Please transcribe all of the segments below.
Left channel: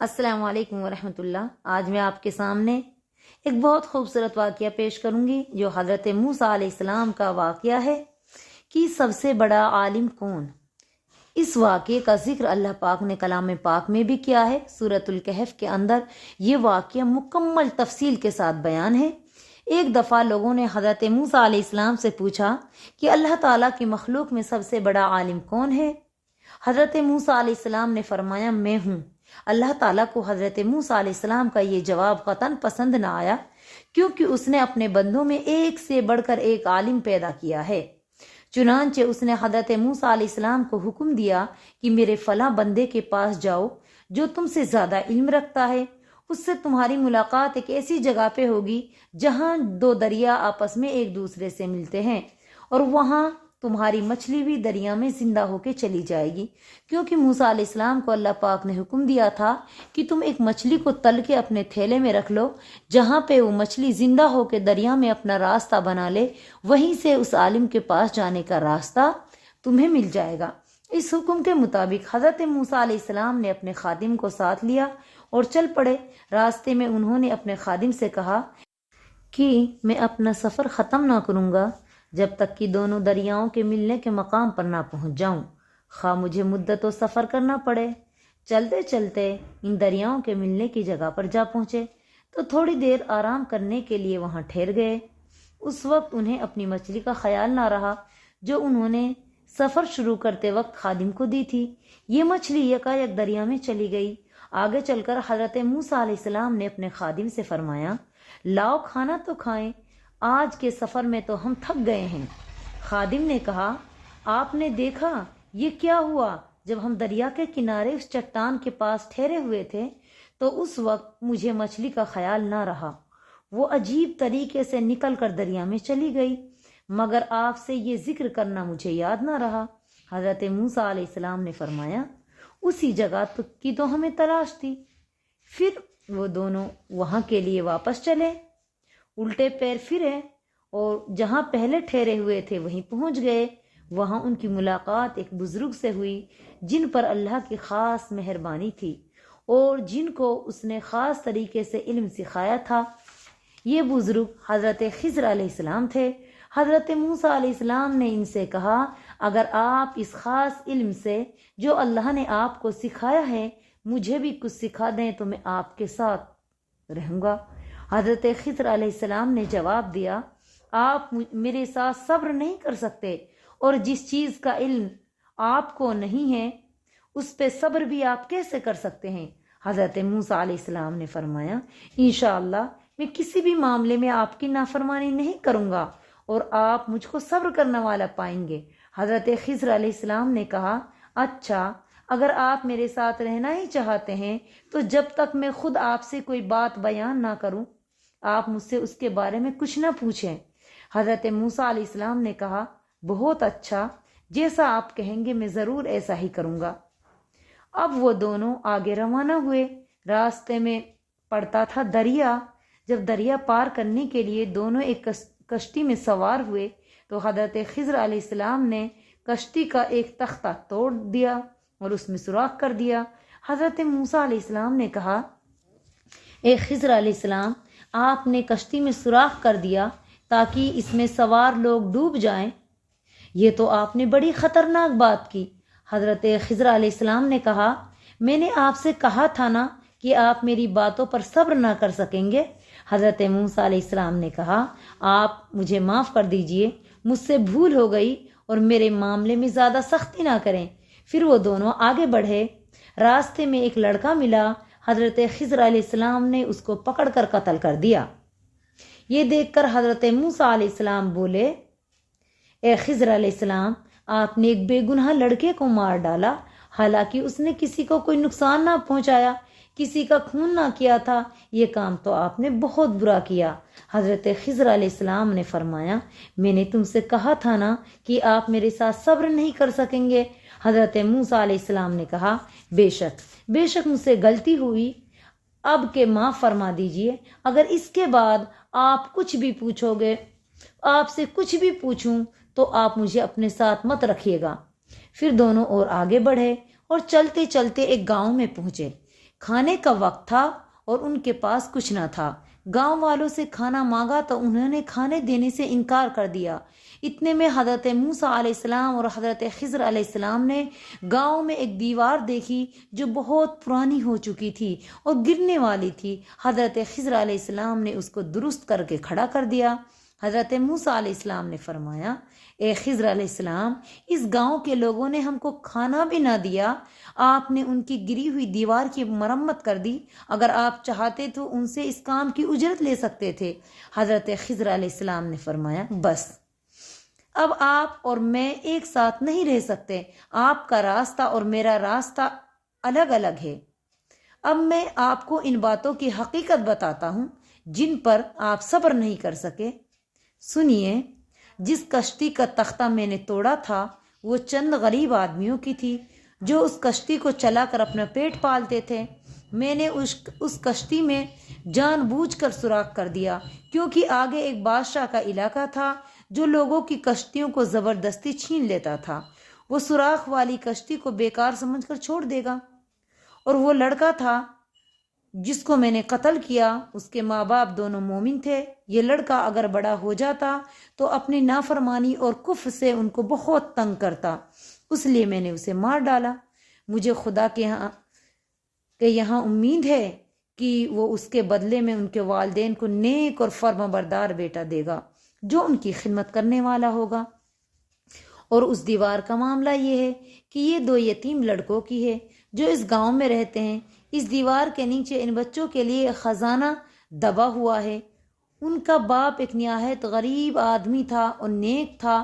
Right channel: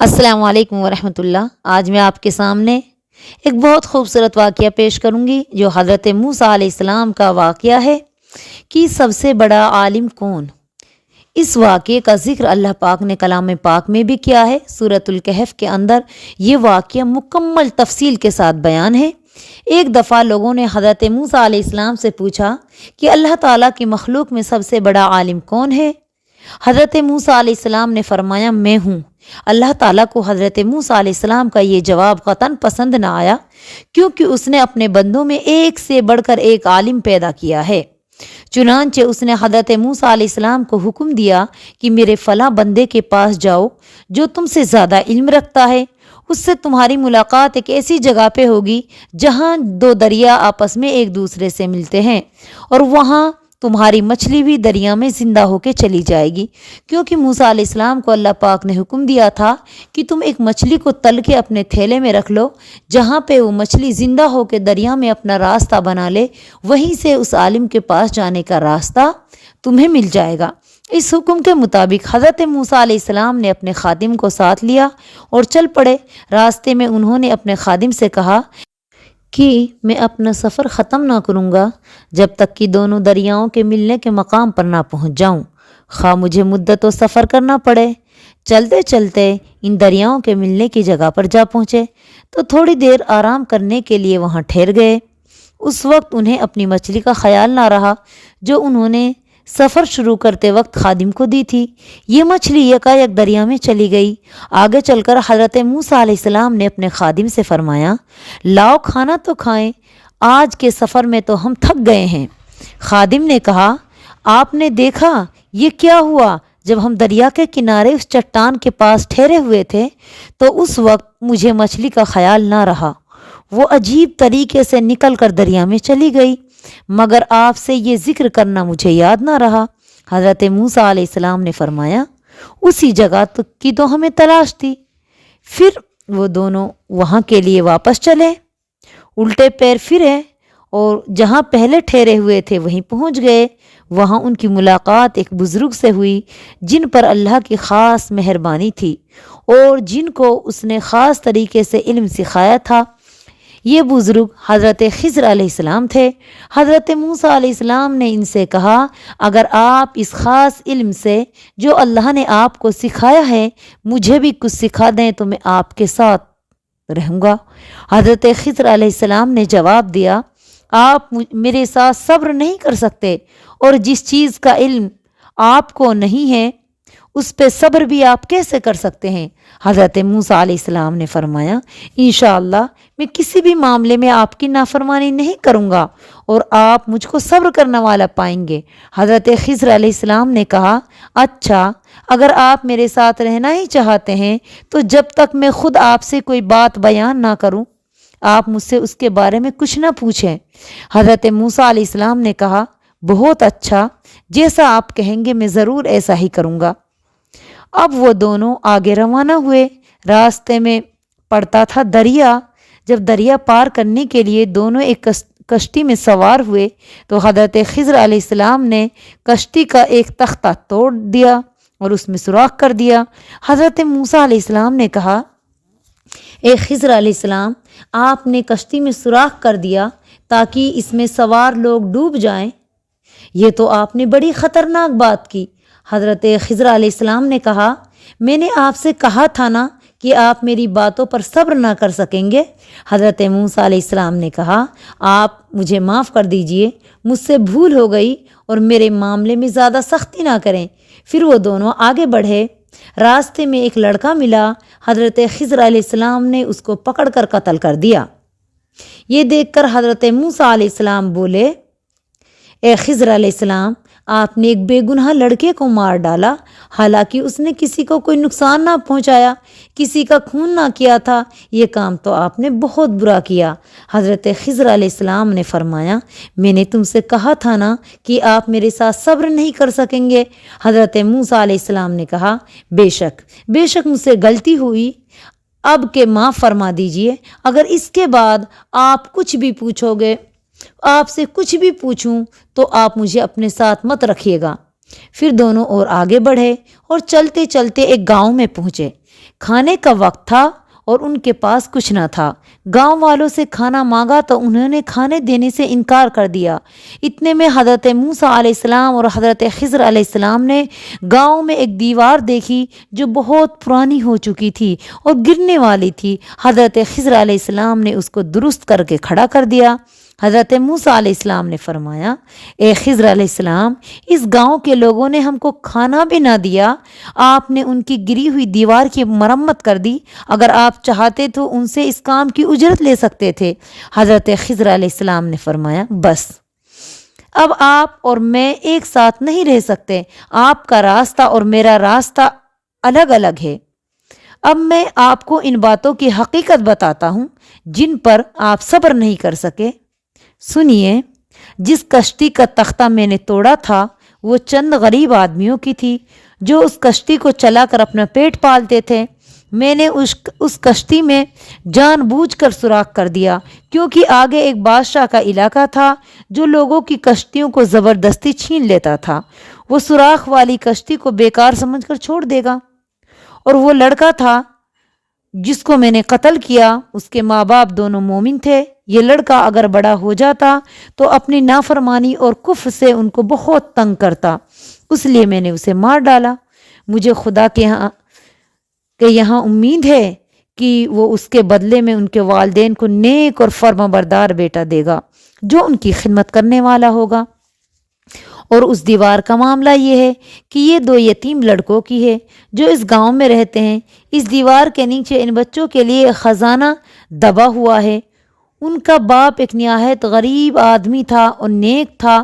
السلام علیکم ورحمۃ اللہ۔ آج میں آپ کے سامنے ایک بہت خوبصورت واقعہ پیش کروں گی جو حضرت موسیٰ علیہ السلام کا واقعہ ہے کہ سب سے بڑا عالم کون۔ اس واقعے کا ذکر اللہ پاک نے کلام پاک میں بھی کیا ہے۔ سورۃ الکہف کے اندر یہ واقعہ مکمل تفصیل کے ساتھ بیان ہے۔ ایک دفعہ لوگوں نے حضرت موسیٰ علیہ السلام سے پوچھا کہ اللہ تعالیٰ کی مخلوق میں سب سے بڑا عالم کون ہے؟ حضرت موسیٰ علیہ السلام نے فرمایا میں ہوں۔ اللہ تعالیٰ کو حضرت موسیٰ علیہ السلام کا یہ جواب قطعاً پسند نہ آیا، کیونکہ اس نے اپنے بندوں میں ایک سے بڑھ کر ایک عالم پیدا کیا ہے۔ چنانچہ اس نے حضرت موسیٰ علیہ السلام کو حکم دیا کہ میرے فلاں بندے کے پاس جاؤ جو تم سے زیادہ علم رکھتا ہے، اس سے تمہاری ملاقات ایک ایسی جگہ پہ ہوگی جہاں دو دریا آپس میں ایک دوسرے سے ملتے ہیں، اور وہاں تمہاری مچھلی بھی دریا میں زندہ ہو کے چلی جائے گی، کیونکہ موسیٰ علیہ السلام کو اللہ پاک نے حکم دیا تھا کہ تم ایک مچھلی کو تل کے اپنے تھیلے میں رکھ لو، جہاں پہ وہ مچھلی زندہ ہو کے دریا میں اپنا راستہ بنا لے، وہیں سے اس عالم کے پاس جانے کا راستہ تمہیں مل جائے گا۔ اس حکم کے مطابق حضرت موسیٰ علیہ السلام نے اپنے خادم کو ساتھ لیا اور چل پڑے۔ راستے میں انہوں نے اپنے خادم سے کہا کہ میں اپنا سفر ختم نہ کروں گا جب تک کہ دونوں دریاؤں کے ملنے کے مقام پر نہ پہنچ جاؤں، خواہ مجھے مدت و سفر کرنا پڑے۔ چلتے چلتے ان دریاؤں کے ملنے کی جگہ پر جا پہنچے تو تھوڑی دیر آرام کرنے کے لیے وہاں ٹھہر گئے۔ اس وقت انہیں اپنی مچھلی کا خیال نہ رہا جو انہوں نے سفر شروع کرتے وقت خادم کو دی تھی۔ یہ مچھلی یکایک دریا میں چلی گئی۔ آگے چل کر حضرت موسیٰ علیہ السلام نے اپنے خادم سے فرمایا، لاؤ کھانا تو کھائیں، آج کے سفر میں تو ہم تھک گئے ہیں۔ خادم نے کہا، آپ نے دیکھا یہ کیا ہوا؟ جب ہم دریا کے کنارے اس چٹان کے پاس ٹھہرے ہوئے تھے تو اس وقت مجھے مچھلی کا خیال نہ رہا، وہ عجیب طریقے سے نکل کر دریا میں چلی گئی، مگر آپ سے یہ ذکر کرنا مجھے یاد نہ رہا۔ حضرت موسیٰ علیہ السلام نے فرمایا، اسی جگہ کی تو ہمیں تلاش تھی۔ پھر وہ دونوں وہاں کے لیے واپس چلے، الٹے پیر پھرے اور جہاں پہلے ٹھہرے ہوئے تھے وہیں پہنچ گئے۔ وہاں ان کی ملاقات ایک بزرگ سے ہوئی جن پر اللہ کی خاص مہربانی تھی اور جن کو اس نے خاص طریقے سے علم سکھایا تھا۔ یہ بزرگ حضرت خضر علیہ السلام تھے۔ حضرت موسیٰ علیہ السلام نے ان سے کہا، اگر آپ اس خاص علم سے جو اللہ نے آپ کو سکھایا ہے مجھے بھی کچھ سکھا دیں تو میں آپ کے ساتھ رہوں گا۔ حضرت خضر علیہ السلام نے جواب دیا، آپ میرے ساتھ صبر نہیں کر سکتے، اور جس چیز کا علم آپ کو نہیں ہے اس پہ صبر بھی آپ کیسے کر سکتے ہیں؟ حضرت موسیٰ علیہ السلام نے فرمایا، انشاءاللہ میں کسی بھی معاملے میں آپ کی نافرمانی نہیں کروں گا اور آپ مجھ کو صبر کرنے والا پائیں گے۔ حضرت خضر علیہ السلام نے کہا، اچھا اگر آپ میرے ساتھ رہنا ہی چاہتے ہیں تو جب تک میں خود آپ سے کوئی بات بیان نہ کروں آپ مجھ سے اس کے بارے میں کچھ نہ پوچھیں۔ حضرت موسیٰ علیہ السلام نے کہا، بہت اچھا، جیسا آپ کہیں گے میں ضرور ایسا ہی کروں گا۔ اب وہ دونوں آگے روانہ ہوئے۔ راستے میں پڑتا تھا دریا۔ جب دریا پار کرنے کے لیے دونوں ایک کشتی میں سوار ہوئے تو حضرت خضر علیہ السلام نے کشتی کا ایک تختہ توڑ دیا اور اس میں سوراخ کر دیا۔ حضرت موسیٰ علیہ السلام نے کہا، اے خضر علیہ السلام، آپ نے کشتی میں سوراخ کر دیا تاکہ اس میں سوار لوگ ڈوب جائیں، یہ تو آپ نے بڑی خطرناک بات کی۔ حضرت خضر علیہ السلام نے کہا، میں نے آپ سے کہا تھا نا کہ آپ میری باتوں پر صبر نہ کر سکیں گے۔ حضرت موسیٰ علیہ السلام نے کہا، آپ مجھے معاف کر دیجئے، مجھ سے بھول ہو گئی اور میرے معاملے میں زیادہ سختی نہ کریں۔ پھر وہ دونوں آگے بڑھے۔ راستے میں ایک لڑکا ملا۔ حضرت خضر علیہ السلام نے اس کو پکڑ کر قتل کر دیا۔ یہ دیکھ کر حضرت موسیٰ علیہ السلام بولے، اے خضر علیہ السلام، آپ نے ایک بے گناہ لڑکے کو مار ڈالا، حالانکہ اس نے کسی کو کوئی نقصان نہ پہنچایا، کسی کا خون نہ کیا تھا، یہ کام تو آپ نے بہت برا کیا۔ حضرت خضر علیہ السلام نے فرمایا، میں نے تم سے کہا تھا نا کہ آپ میرے ساتھ صبر نہیں کر سکیں گے۔ حضرت موسیٰ علیہ السلام نے کہا، بے شک مجھ سے غلطی ہوئی، اب کہ معاف فرما دیجئے۔ اگر اس کے بعد آپ کچھ بھی پوچھو گے، آپ سے کچھ بھی پوچھوں تو آپ مجھے اپنے ساتھ مت رکھیے گا۔ پھر دونوں اور آگے بڑھے اور چلتے چلتے ایک گاؤں میں پہنچے۔ کھانے کا وقت تھا اور ان کے پاس کچھ نہ تھا۔ گاؤں والوں سے کھانا مانگا تو انہوں نے کھانے دینے سے انکار کر دیا۔ اتنے میں حضرت موسیٰ علیہ السلام اور حضرت خضر علیہ السلام نے گاؤں میں ایک دیوار دیکھی جو بہت پرانی ہو چکی تھی اور گرنے والی تھی۔ حضرت خضر علیہ السلام نے اس کو درست کر کے کھڑا کر دیا۔ حضرت موسیٰ علیہ السلام نے فرمایا، اے خضر علیہ السلام، اس گاؤں کے لوگوں نے ہم کو کھانا بھی نہ دیا، آپ نے ان کی گری ہوئی دیوار کی مرمت کر دی۔ اگر آپ چاہتے تو ان سے اس کام کی اجرت لے سکتے تھے۔ حضرت خضر علیہ السلام نے فرمایا، بس اب آپ اور میں ایک ساتھ نہیں رہ سکتے، آپ کا راستہ اور میرا راستہ الگ الگ ہے۔ اب میں آپ کو ان باتوں کی حقیقت بتاتا ہوں جن پر آپ صبر نہیں کر سکے۔ سنیے، جس کشتی کا تختہ میں نے توڑا تھا وہ چند غریب آدمیوں کی تھی جو اس کشتی کو چلا کر اپنا پیٹ پالتے تھے۔ میں نے اس کشتی میں جان بوجھ کر سوراخ کر دیا کیونکہ آگے ایک بادشاہ کا علاقہ تھا جو لوگوں کی کشتیوں کو زبردستی چھین لیتا تھا۔ وہ سوراخ والی کشتی کو بیکار سمجھ کر چھوڑ دے گا۔ اور وہ لڑکا تھا جس کو میں نے قتل کیا، اس کے ماں باپ دونوں مومن تھے۔ یہ لڑکا اگر بڑا ہو جاتا تو اپنی نافرمانی اور کفر سے ان کو بہت تنگ کرتا، اس لیے میں نے اسے مار ڈالا۔ مجھے خدا کے یہاں امید ہے کہ وہ اس کے بدلے میں ان کے والدین کو نیک اور فرما بردار بیٹا دے گا جو ان کی خدمت کرنے والا ہوگا۔ اور اس دیوار کا معاملہ یہ ہے کہ یہ 2 یتیم لڑکوں کی ہے جو اس گاؤں میں رہتے ہیں۔ اس دیوار کے نیچے ان بچوں کے لیے ایک خزانہ دبا ہوا ہے۔ ان کا باپ ایک نہایت غریب آدمی تھا اور نیک تھا،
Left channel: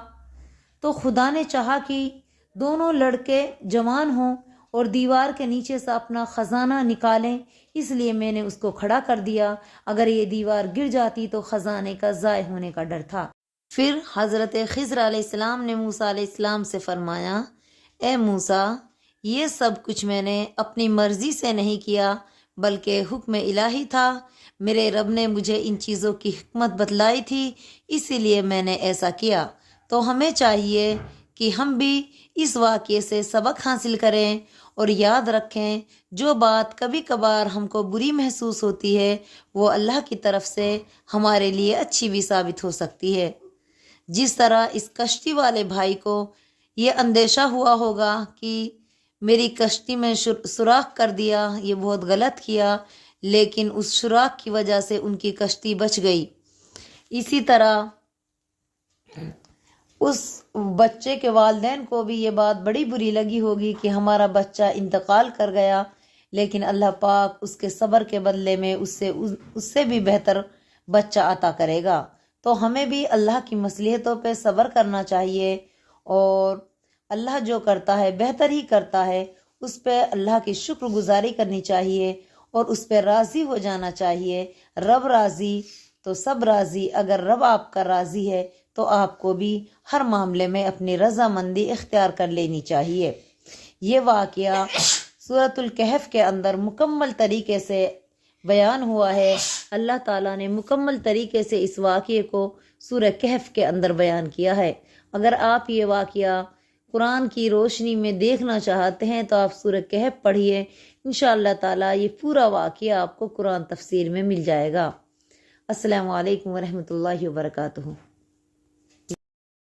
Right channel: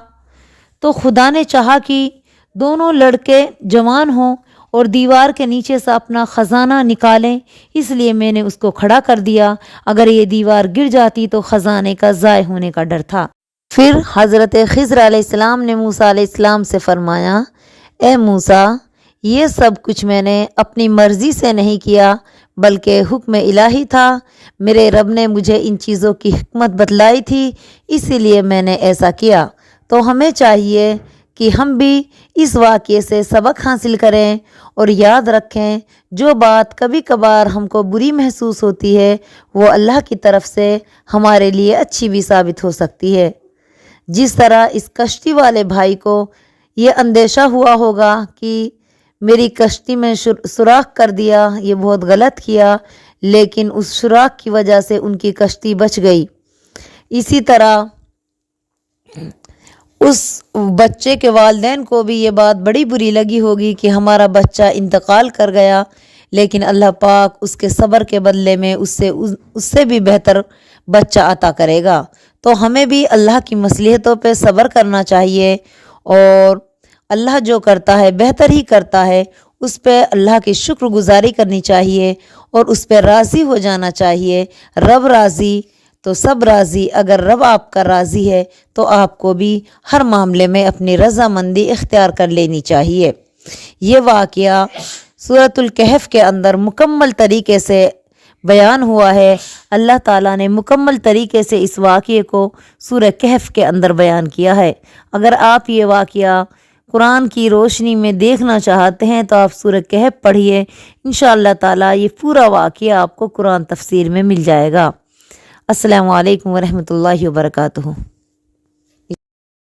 تو خدا نے چاہا کہ دونوں لڑکے جوان ہوں اور دیوار کے نیچے سے اپنا خزانہ نکالیں، اس لیے میں نے اس کو کھڑا کر دیا۔ اگر یہ دیوار گر جاتی تو خزانے کا ضائع ہونے کا ڈر تھا۔ پھر حضرت خضر علیہ السلام نے موسیٰ علیہ السلام سے فرمایا، اے موسیٰ، یہ سب کچھ میں نے اپنی مرضی سے نہیں کیا بلکہ حکم الہی تھا۔ میرے رب نے مجھے ان چیزوں کی حکمت بتلائی تھی، اسی لیے میں نے ایسا کیا۔ تو ہمیں چاہیے کہ ہم بھی اس واقعے سے سبق حاصل کریں اور یاد رکھیں جو بات کبھی کبھار ہم کو بری محسوس ہوتی ہے وہ اللہ کی طرف سے ہمارے لیے اچھی بھی ثابت ہو سکتی ہے۔ جس طرح اس کشتی والے بھائی کو یہ اندیشہ ہوا ہوگا کہ میری کشتی میں سوراخ کر دیا، یہ بہت غلط کیا، لیکن اس سوراخ کی وجہ سے ان کی کشتی بچ گئی۔ اسی طرح اس بچے کے والدین کو بھی یہ بات بڑی بری لگی ہوگی کہ ہمارا بچہ انتقال کر گیا، لیکن اللہ پاک اس کے صبر کے بدلے میں اس سے بھی بہتر بچہ عطا کرے گا۔ تو ہمیں بھی اللہ کی مصلحتوں پہ صبر کرنا چاہیے اور اللہ جو کرتا ہے بہتر ہی کرتا ہے، اس پہ اللہ کی شکر گزاری کرنی چاہیے اور اس پہ راضی ہو جانا چاہیے۔ رب راضی تو سب راضی۔ اگر رب آپ کا راضی ہے تو آپ کو بھی ہر معاملے میں اپنی رضامندی اختیار کر لینی چاہیے۔ یہ واقعہ سورۃ الکہف کے اندر مکمل طریقے سے بیان ہوا ہے۔ اللہ تعالیٰ نے مکمل طریقے سے اس واقعے کو سورہ کہف کے اندر بیان کیا ہے۔ اگر آپ یہ واقعہ قرآن کی روشنی میں دیکھنا چاہتے ہیں تو آپ سورہ کہف پڑھیے، انشاءاللہ تعالیٰ یہ پورا واقعہ آپ کو قرآن تفسیر میں مل جائے گا۔ السلام علیکم ورحمۃ اللہ وبرکاتہ۔